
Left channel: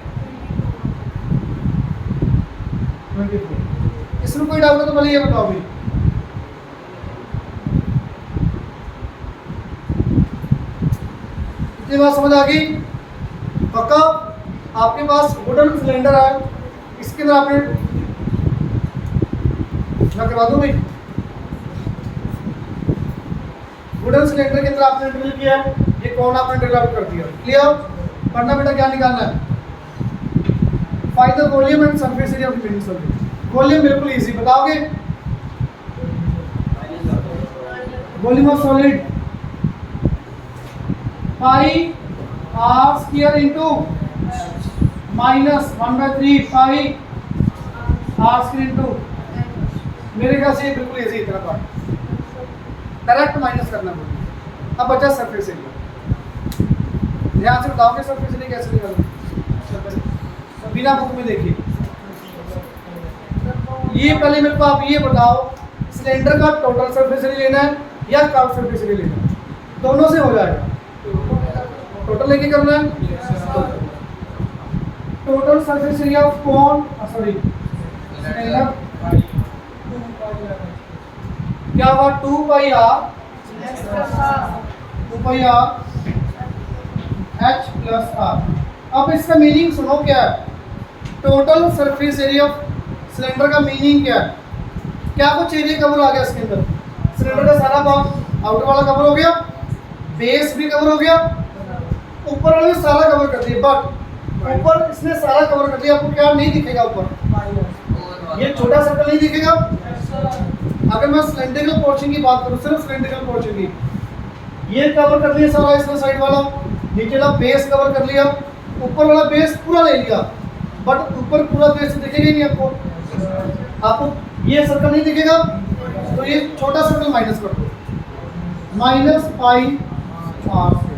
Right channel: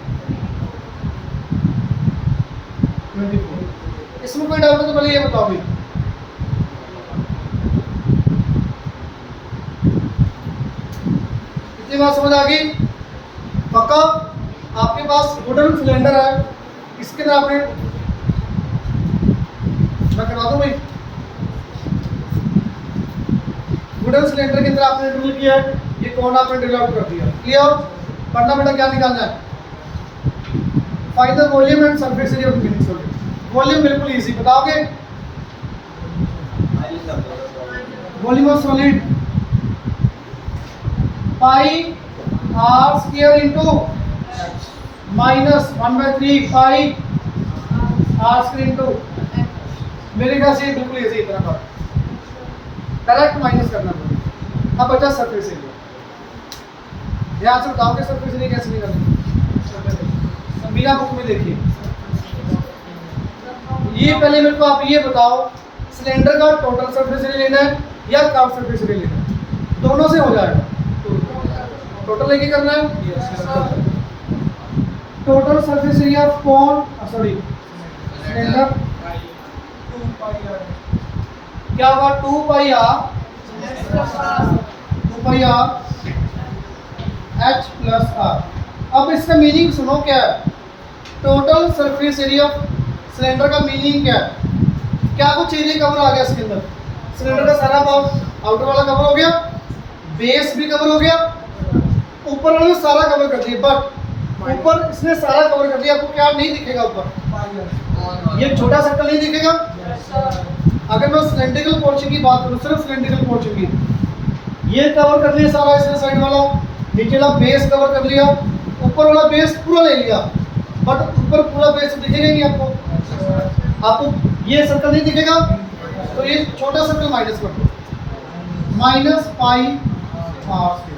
24। इसमें कोई डाउट है तो पहले ये बताओ भाई। इतनी बात समझ आ गई पक्का। आपके पास वुडन सिलेंडर है, इसके अंदर आपने, मैं करवा दूं भाई, वुडन सिलेंडर के अंदर आपने ड्रिल किया है, ये कौन आपने ड्रिल आउट कर दिया। क्लियर। पढ़ना बेटा क्या निकालना है, find the volume and surface area of the meaning solid. Volume बिल्कुल इजी, बताओगे volume of solid pi r square into -1/3 pi r square into, मेरे ख्याल से ये बिल्कुल इजी इतना का डायरेक्ट माइनस करना पड़ेगा। अब बचा सरफेस एरिया, ध्यान से बताओ कि सरफेस एरिया कैसे निकालना, बिना बुक में देखिए। ये पहले मेरे को आप ये बताओ, सिलेंडर का टोटल सरफेस एरिया लेना है या कर्व सरफेस एरिया लेना है, दोनों से हो जाएगा। टोटल लेके करना है, टोटल सरफेस एरिया ऑफ कौन, सॉरी सिलेंडर, क्या होगा 2 पाई आर H प्लस आर। अब इसका मीनिंग सुनो क्या है, total surface area of cylinder का मीनिंग क्या है, क्या कुछ एरिया कवर आ गया इसके अंदर, सिलेंडर का सारा पार्ट आउटर वाला कवर हो गया, बेस भी कवर हो गया, ऊपर वाला भी सारा कवर कर दिया, बट ऊपर इसने सारा कवर कर दिया, आपको क्या नहीं दिखेगा ऊपर, ये छोटा सर्कल नहीं दिखेगा। अगर मैं सिलेंड्रिकल पोर्शन की बात करूं, सिर्फ सिलेंड्रिकल पोर्शन की, ये कवर कर लिया सारा इसने साइड वाला, नीचे वाला बेस कवर कर लिया, ऊपर वाला बेस पूरा ले लिया, बट ऊपर पूरा बेस दिखेगा ही नहीं आपको, आपको ये सर्कल नहीं दिखेगा, तो ये छोटा सर्कल माइनस कर दो, -पाई आर स्क्वायर।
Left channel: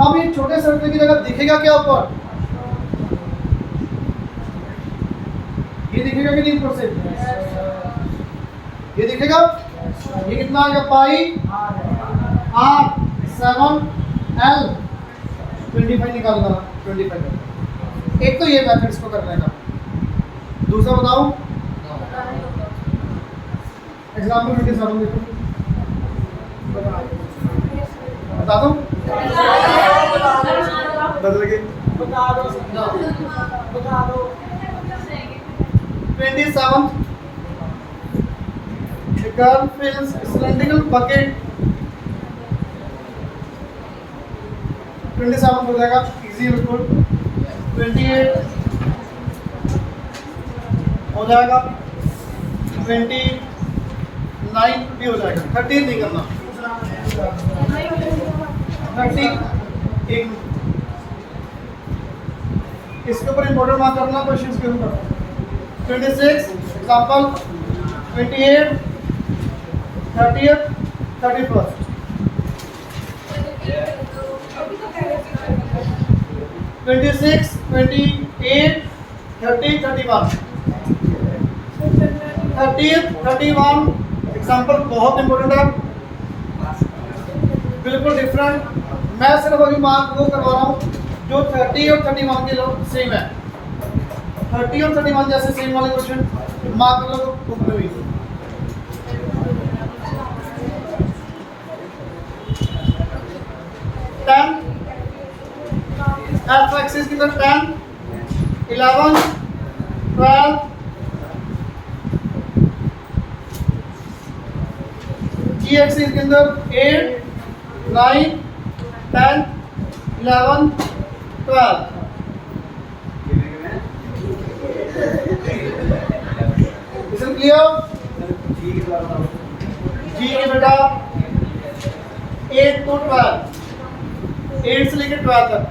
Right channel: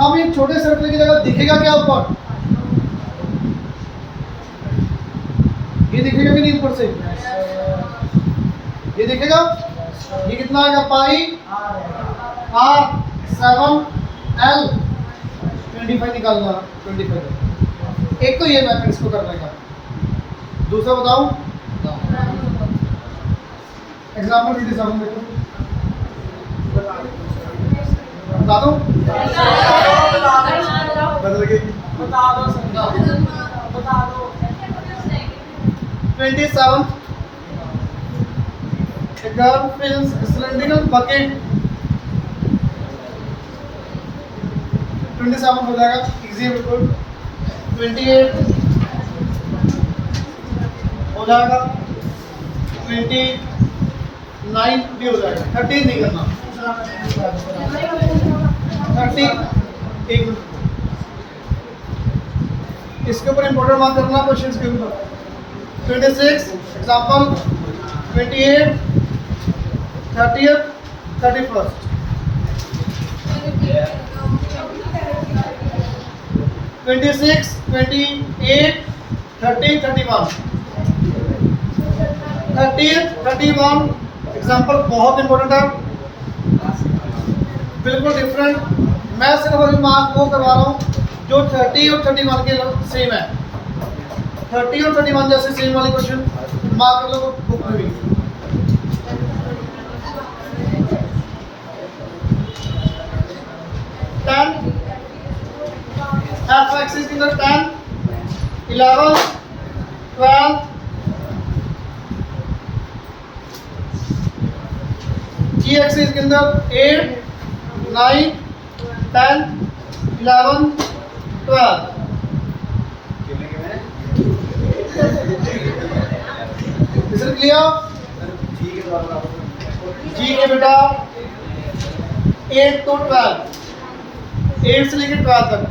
अब ये छोटे सर्कल की जगह दिखेगा क्या ऊपर, ये दिखेगा कि नहीं ऊपर से, ये दिखेगा, ये कितना आएगा पाई आर 7L 25 निकालना, 25। एक तो ये मैथड इसको करने का, दूसरा बताऊं एग्जाम्पल 27 देखो, बता दो बदल गई, बता दो 27th, a girl fills a cylindrical bucket, 27 हो जाएगा, इजी बिल्कुल, 28 हो जाएगा, 29 भी हो जाएगा, 30 नहीं करना, 30 इसके ऊपर इंपॉर्टेंट मार्क करना क्वेश्चन के ऊपर। 26 example, 28 30th 31st, 26 28 30 31, 30th 31 example बहुत इंपॉर्टेंट है, बिल्कुल डिफरेंट। मैं सिर्फ अभी मार्क वो करवा रहा हूँ जो 30 और 31 के सेम है, 30 और 31 जैसे सेम वाले क्वेश्चन मार्क कर लो बुक में भी। एफ एक्सिस की तरफ 10 11 12 जी एक्सिस के अंदर 8 9 10 11 12। Is it clear? जी के बेटा 8 to 12, 8 से लेकर 12 तक।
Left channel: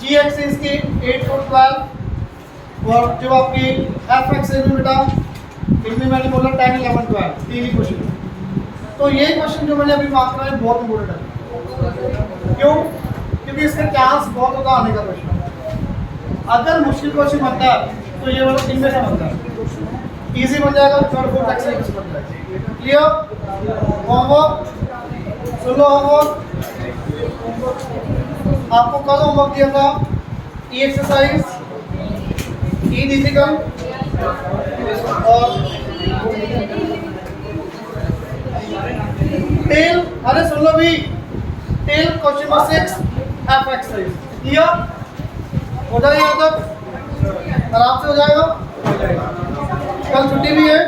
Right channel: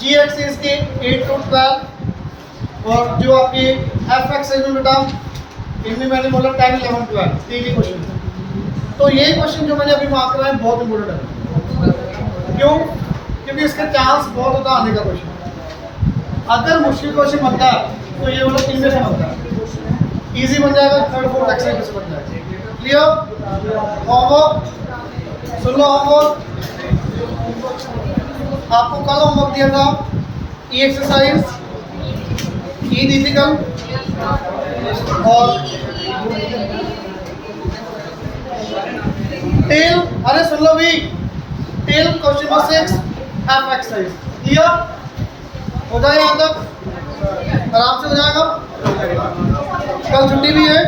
जी एक्सिस के 8 to 12 और जो आपकी एफ एक्सिस में बेटा इनमें मैंने बोला 10 11 12 तीन ही क्वेश्चन। तो ये क्वेश्चन जो मैंने अभी मार्क करा है बहुत इंपॉर्टेंट है। क्यों? क्योंकि इसके चांस बहुत होता है आने का क्वेश्चन। अगर मुश्किल क्वेश्चन बनता है तो ये वाला 3 में से बनता है, इजी बन जाएगा, थर्ड फोर्थ एक्सरसाइज से बन जाएगा। क्लियर? होमवर्क सुन लो। होमवर्क आपको कल होमवर्क दिया था, ई एक्सरसाइज, ई डिफिकल्ट और टेल। अरे सुन लो भी, tell question number 6 F exercise. Clear? हो जाएगा यहाँ तक, आराम से हो जाएगा। कल छुट्टी भी है।